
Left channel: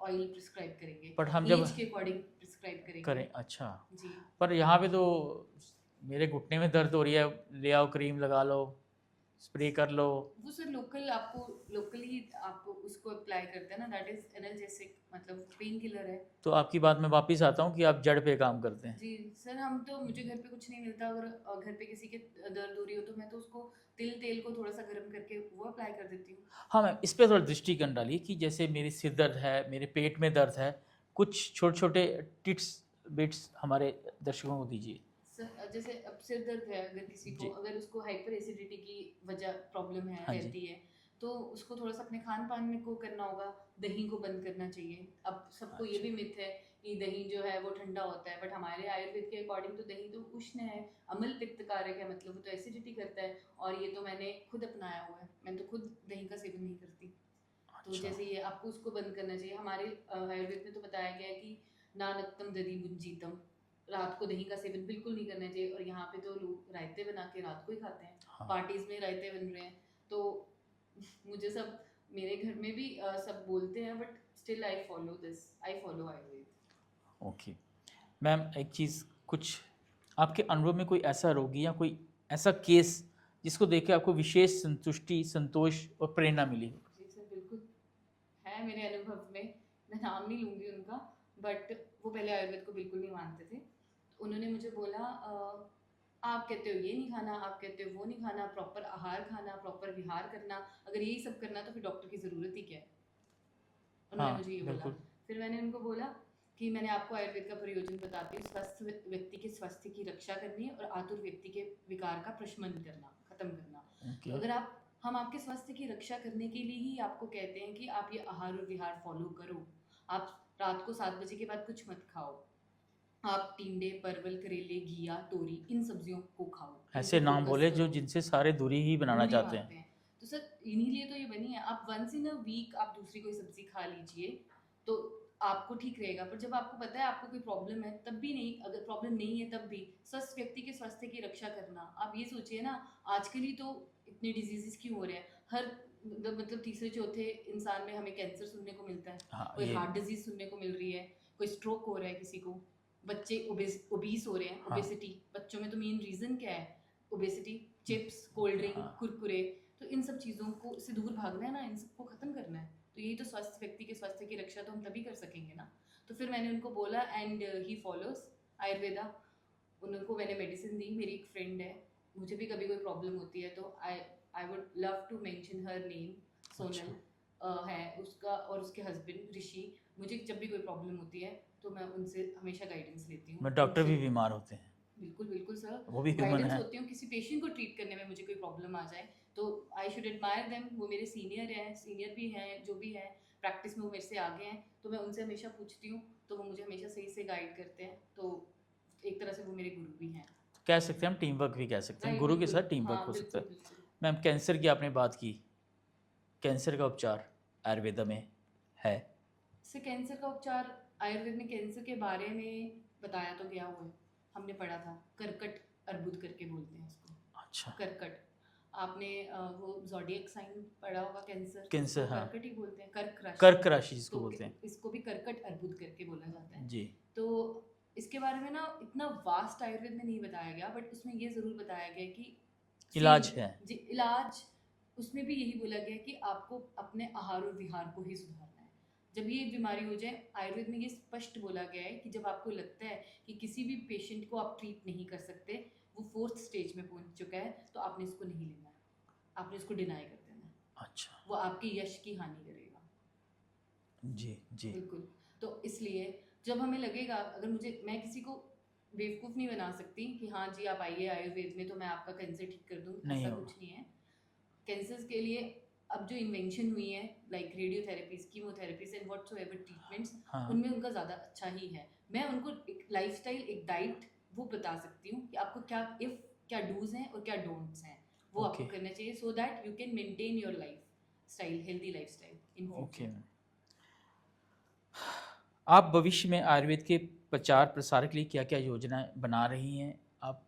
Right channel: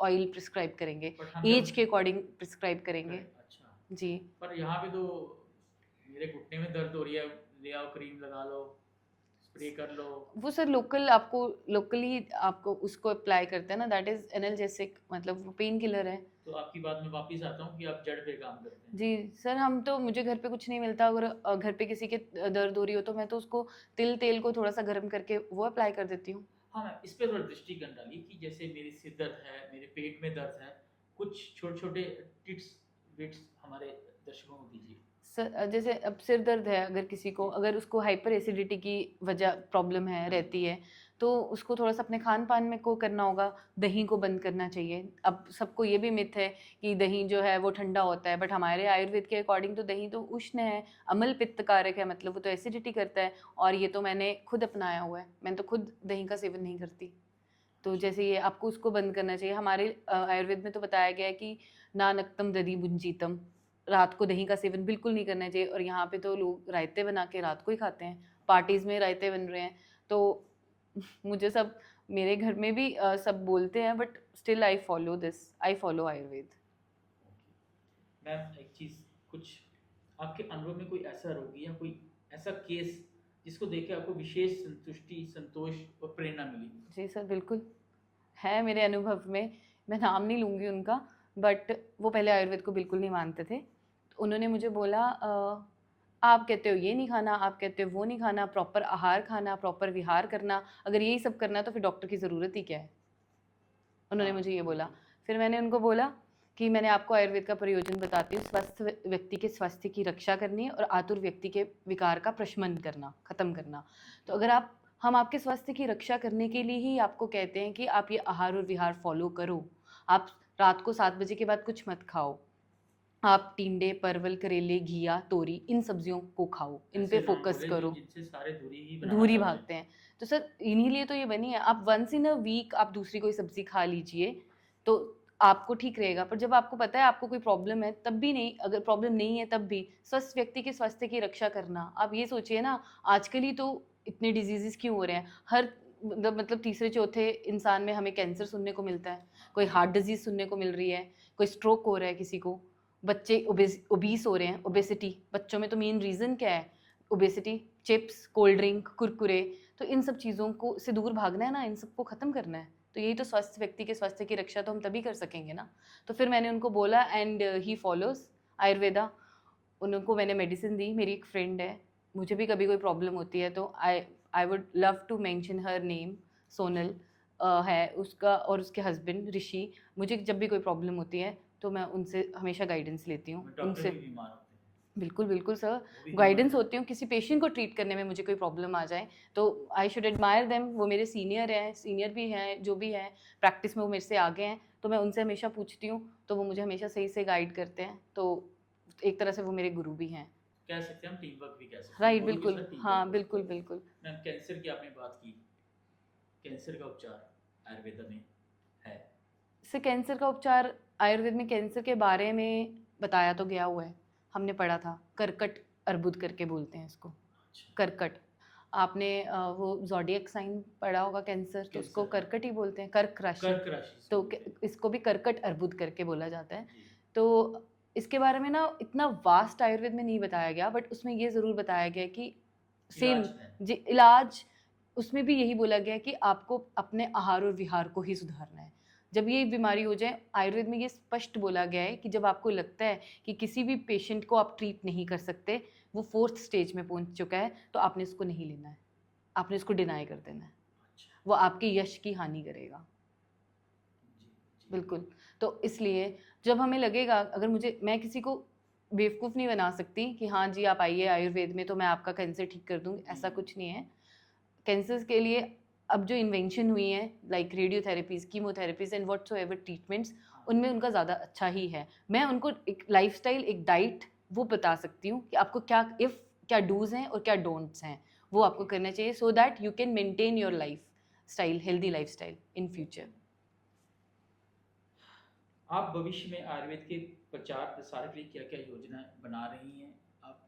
ऑयल प्रिस्क्राइब करेंगे, बट हम जब एज के अकॉर्डिंग प्रिस्क्राइब करेंगे। करें, अच्छा, जी। पर यहाँ पे तो मेरे घुटने में दर्द हो रही है, ले आओ क्रीम लगा लो, स्प्रे कर लो। वो सर लोकली आपको उसको अप्लाई करते हैं ना, दैट इज एनाल्जेसिक, मतलब वो पेन किलर है। तो आपकी बात में वापस आता हूँ कि आप जड़ पे काम करते हैं। जी सर, हम तो, मुझे घर पे कुछ नहीं मिलता। अगर घर पे किसी के दर्द हो रही हो तो मैं तो उसको तिल तेल को थोड़ा सा गर्म करके वो अप्लाई कर देती हूँ। हाँ मैम, इस पर थोड़ा दृष्टिकोण डालिए कि जैसे मेरी सिर दर्द है, मेरे पेट में दर्द है, कुछ छोटे छोटे टिप्स बिट्स हमारे दर्शकों को दीजिए। सर जैसे अब सिर दर्द है, अगर किसी को, जी। अगर उसको हाइपर एसिडिटी की वजह प्रॉब्लम है हाँ जी। रहती है, तो उसको थोड़ा सा अपने खान पान में को करना होगा, दही को बंद करना चाहिए। अब सबको ये भी मिथ है कि दही जो है वो ठंडा होता है, बट हमारे आयुर्वेद के अकॉर्डिंग तो दही तो उष्ण है, अम्ल पित्त कारक है, मतलब वो तो एसिडिटी करता है। और ये तो मैंने खुद अपनाया हुआ है, मैंने तो खुद दही का सेवन नहीं करती। तो अच्छा। जैसे ये आपको उसको बंद करना चाहिए। हमारे आयुर्वेद में तो बताया गया है कि ना नक्तम दधि भुंजीतम, रात को दही का सेवन बिल्कुल नहीं करना चाहिए। और यहाँ पे तो लोग रायते बना के रात को ही खाते हैं, हाँ। पार्टीज में रायते बन रहे हैं। तो मुझे सब, मेरे घर में भी सब बोलते हैं, but still I follow this, I follow Ayurveda. Okay ma'am, एक चीज़, कुछ आपके अनुभव में कोई ऐसा रोगी या कोई ऐसा केस जिसको देख के आपको विशेष संतुष्टि, संतोष और प्रेरणा मिली? जी सर, बिल्कुल है मेरे अनुभव में। मैं नाम नहीं लूँगी उनका, बट वो पहले आयुर्वेद को बिल्कुल नहीं मानते थे। तो उन्होंने मुझे बोला आप कहते हो ये नहीं खाना, आप कहते हो वो नहीं खाना, प्रॉपर आहार खाना, प्रॉपर विहार करना, अगर यही सब करना तो फिर डॉक्टर की ज़रूरत ही क्या है। उन्होंने हाँ, मुझे ये बोला। बिल्कुल। फिर मैंने उनको बोला कि मैंने आपको आयुर्वेद का प्रयोजन बताती हूँ। स्वस्थ व्यक्ति के स्वास्थ्य की रक्षा करनी है और आतुर व्यक्ति के विकार का प्रशमन करना, खत्म करना। तो ओके। अगर हम आपके स्वास्थ्य की रक्षा करने के लिए ही आपको कहते हैं कि आप ये आहार और विहार फॉलो करो। आप रात को 7 बजे के बाद कुछ मत खाओ। आप टिंडे, परवल, करेले, घिया, तोरी, इन सब्जियों को खाओ, इन पे ऐसे नाम फोकस बोले जो करो। जिनसे सारे दूरी ही बनाना दूर ही चाहते हैं। भागते हैं। तो सर इन्हीं लिए तो ये बनी है। आप वंस इन अ वीक आप दूसरी कोई सब्जी खा लीजिए तो आपको ठीक रहेगा। पर जब आपको पता है आपको कोई प्रॉब्लम है तब भी नहीं, अगर प्रॉब्लम नहीं है तब भी स्वस्थ व्यक्ति के स्वास्थ्य की रक्षा करना। आप ये सोचिए ना, आजकल ही तो इतने डिजीजेस क्यों हो रहे हैं। हर मतलब तीसरे चौथे इंसान में हमें कैंसर सुनने को मिलता है, हाँ, कोई ये हार्ट डिजीज सुनने को मिल रही है, कोई स्ट्रोक हो रहा है किसी को, बच्चे ओबीस हो रहे हैं। हाँ, ओबेसिटी बच्चों में तो मेन रीजन क्या है? ओबेसिटी, चिप्स, कोल्ड ड्रिंक, हाँ, कुरकुरे। तो इन सब चीज़ों को से दूर भागना है ना, इन सबको ख़त्म करना है। तो यही तो स्वस्थ व्यक्ति के स्वास्थ्य की रक्षा तो हम तभी कर सकेंगे ना। तो फिर मैंने उनको बोला, एंड ही फॉलोज आयुर्वेदा। उनको मैंने मेडिसिन दी। मेरी एक फ्रेंड है, मुझे भी कभी कोई प्रॉब्लम होती है तो I would love to mention her name. Sonal है उसका, और उसके हस्बैंड ऋषि। मुझे जब भी कोई प्रॉब्लम होती है तो मैं उनसे हमेशा गाइडेंस लेती हूँ। मैं डॉक्टर उनसे भी बीमार होते हैं, बिल्कुल बिल्कुल सर, वो भी ह्यूमन गाइडेंस है। होती हूँ। किसी पेशेंट को ट्रीट करने में मुझे कोई प्रॉब्लम आ जाए तो आई शुड एडमायर देम। वो मेरे सीनियर हैं, सीनियर भी हैं, जो भी हैं प्रैक्टिस में वो मेरे से आगे हैं। तो मैं उनसे हमेशा पूछती हूँ, तो वो मुझे हमेशा सही से गाइड करते हैं। तो एक तरह से वो मेरे गुरु भी हैं। कह सकते हैं हम टीम वर्क भी कह सकते हैं, राइट, गुरु के बिल्कुल, साथ टीम वर्क हाँ हो सकता बिल्कुल है। बिल्कुल। मैम, कैंसर की आपने बात की, कैंसर का उपचार आयुर्वेदा में है? से कैंसर का उपचार आयुर्वेद में कैंसर के बारे में बताया तो गया हुआ है, हमने पढ़ा था। कर्कट अर्बुद करके बोलते हैं इसको, अच्छा। कर्कट। आपने वो ज़ोडिएक साइन पढ़ा होगा कैंसर, तो कैंसर, उसको हाँ। कर्कट ही बोलते हैं, कर्क राशि। कर्क राशि जिसको तो बोलते हैं। इसको भी कर्कट अर्बुद करके बोला जाता है। जी। तो इसके बारे में ना इतना वास्ट आयुर्वेद में नहीं बताया गया, बट उसमें ये ज़रूर बताया गया कि इलाज है। जी इलाज, उसमें भी यही बोला गया कि आपको अपने आहार और विहार को ही सुधारना है। जब ये बीमारी हो जाए, आयुर्वेद में ये स्पष्ट बोला गया है कि जब आपको लगता है कि किसी भी पेशेंट को आप ट्रीट नहीं कर सकते, वो 4th स्टेज में पहुंच चुका है, तो आपने इसको नहीं लेना है, आपने इसको डिनाई कर देना है। अच्छा। वो आपके यश की हानि करेगा। जी जी। बिल्कुल। तो इसलिए जब हमें लगेगा, अगर मैं किसी को बेवकूफ़ नहीं बना सकती कि हाँ जी आप आइए आयुर्वेद में तो मैं आपका कैंसर ठीक कर दूँगी, नहीं ऐसा हो। कुछ नहीं है। कैंसर्स के लिए अब जो इन्वेंशन हुई है, like रेडियोथेरेपीज, chemotherapies and whatsoever treatments, हाँ। उनमें उनका ज़्यादा अच्छा ही है। मैं उनको एक लाइफस्टाइल, एक डाइट वो बता सकती हूँ कि आपको क्या डूज हैं और क्या डोंट्स हैं, वो आपको Okay. करना चाहिए, so that you can maintain your life style, healthy life style in future. Okay. आप भविष्य में आयुर्वेद के प्रचार प्रसार के लिए क्या क्या योजनाएं बना रही हैं? आप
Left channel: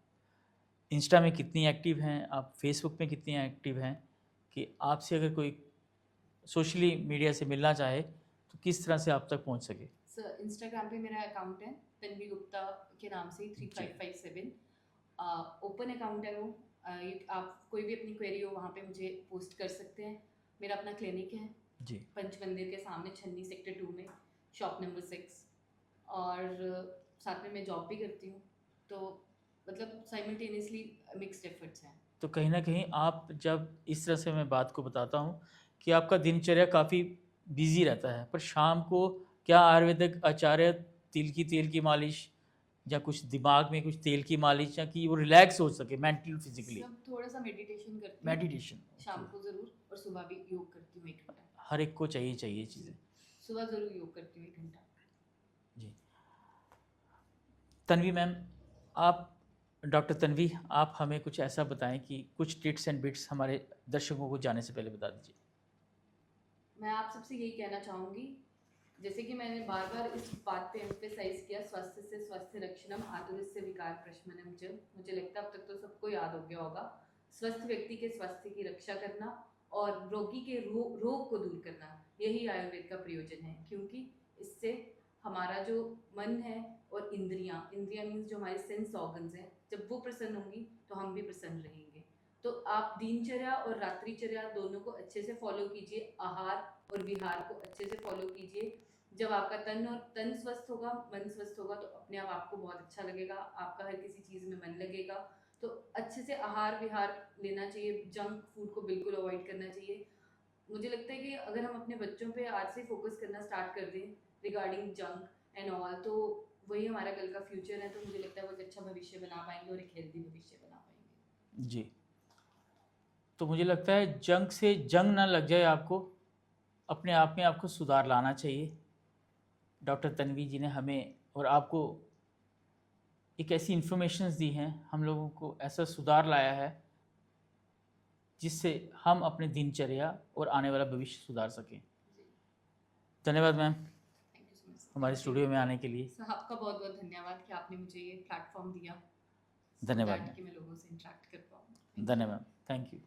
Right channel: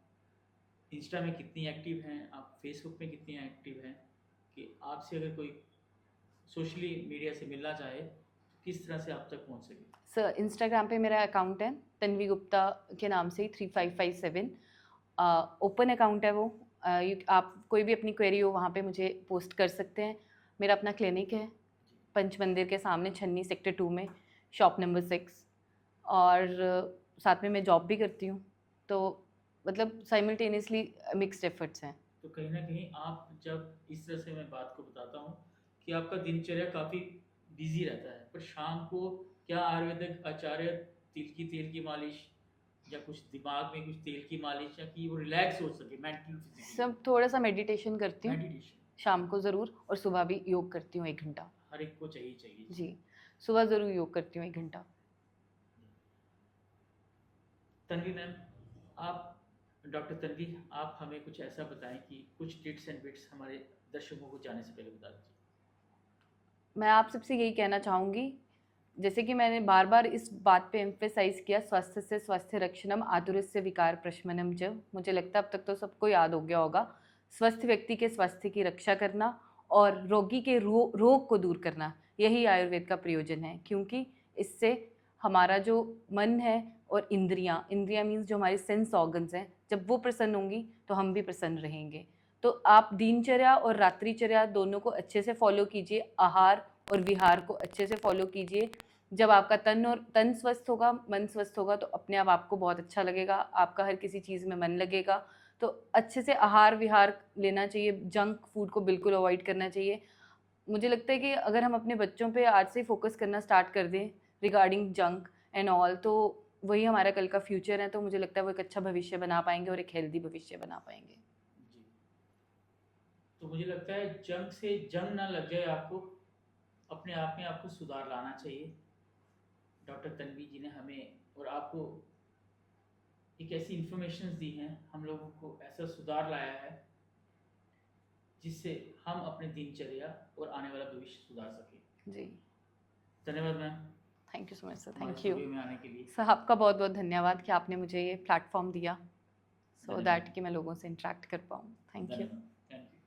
इंस्टा में कितनी एक्टिव हैं? आप फेसबुक में कितनी एक्टिव हैं? कि आपसे अगर कोई सोशली मीडिया से मिलना चाहे तो किस तरह से आप तक पहुंच सके? सर इंस्टाग्राम पे मेरा अकाउंट है तन्वी गुप्ता के नाम से ही, 3557 ओपन अकाउंट है वो। आप कोई भी अपनी क्वेरी हो वहाँ पे मुझे पोस्ट कर सकते हैं। मेरा अपना क्लिनिक है जी। पंच मंदिर के सामने, छन्नी सेक्टर 2 में, शॉप नंबर 6। और साथ में मैं जॉब भी करती हूँ, तो मतलब साइमल्टेनियसली मिक्स्ड एफर्ट्स हैं। तो कहीं ना कहीं आप जब इस तरह से मैं बात को बताता हूँ कि आपका दिनचर्या काफ़ी बिजी रहता है, पर शाम को क्या आयुर्वेदिक आचार्य तिल की तेल की मालिश, या कुछ दिमाग में कुछ तेल की मालिश, या कि वो रिलैक्स हो सके मेंटली फिजिकली? सब थोड़ा सा मेडिटेशन करती हूँ मेडिटेशन शाम को ज़रूर, और सुबह भी योग करती हूँ 1 घंटा। हर एक को चाहिए जी, चीज़ें। सुबह ज़रूर योग करती हूँ 1 घंटा। जी। तन्वी मैम, आप डॉक्टर तन्वी, आप हमें कुछ ऐसा बताएं कि कुछ टिप्स एंड बिट्स हमारे दर्शकों को जाने से पहले बता दीजिए। मैं आप सबसे यही कहना चाहूँगी, जैसे कि मैंने बार बार इस बात पे एम्फेसाइज किया, स्वास्थ्य से स्वास्थ्य रक्षणम आतुरस्य विकार प्रशमनम च। मुझे लगता है अब तक तो सबको याद हो गया होगा। स्वस्थ व्यक्ति के स्वास्थ्य की रक्षा करना और रोगी के रोग को दूर करना, यही आयुर्वेद का प्रयोजन है। क्योंकि इससे हमारा जो मन है और इंद्रियाँ, इंद्रियाँ मीन्स जो हमारी सेंस ऑर्गन्स हैं, जब वो प्रसन्न होंगी तो हम भी प्रसन्न रहेंगे। तो आप दिनचर्या और रात्रिचर्या दोनों को अच्छे से फॉलो कीजिए, आहार और विहार को अच्छे से फॉलो कीजिए। जब आपका तन स्वस्थ होगा, मन स्वस्थ होगा, तो अपने आप आपको बहुत अच्छा लगेगा, आपका हर किसी चीज़ में मन लगेगा। तो अच्छे से आहार विहार लेना चाहिए, जंक फूड को बिल्कुल अवॉइड करना चाहिए। मुझे लगता है कि अगर हम अपने बच्चों पे आज से फोकस करना स्टार्ट कर दें रिगार्डिंग जंक एंड ऑल, तो वही हमारा कल का फ्यूचर है। तो मुझे लगता है वो एक अच्छा भविष्य बना पाएंगे और एक हेल्दी भविष्य बना पाएंगे। जी। तो मुझे लगता है जंक से जंग ना लग जाए आपको, अपने आप में आपको सुधार लाना चाहिए। डॉक्टर तन्वी जी ने हमें और आपको एक ऐसी इन्फॉर्मेशंस दी हैं, हम लोगों को ऐसा सुधार लाया है जिससे हम अपने दिनचर्या और आने वाला भविष्य सुधार सकें। जी, धन्यवाद ma'am thank you so much sir. हमारे थैंक यू स्टूडियो में आने के लिए। सर, आपका बहुत बहुत धन्यवाद कि आपने मुझे ये प्लेटफॉर्म दिया, सो धन्यवाद दैट कि मैं लोगों से इंटरेक्ट कर पाऊँ। Thank you. धन्यवाद, थैंक यू।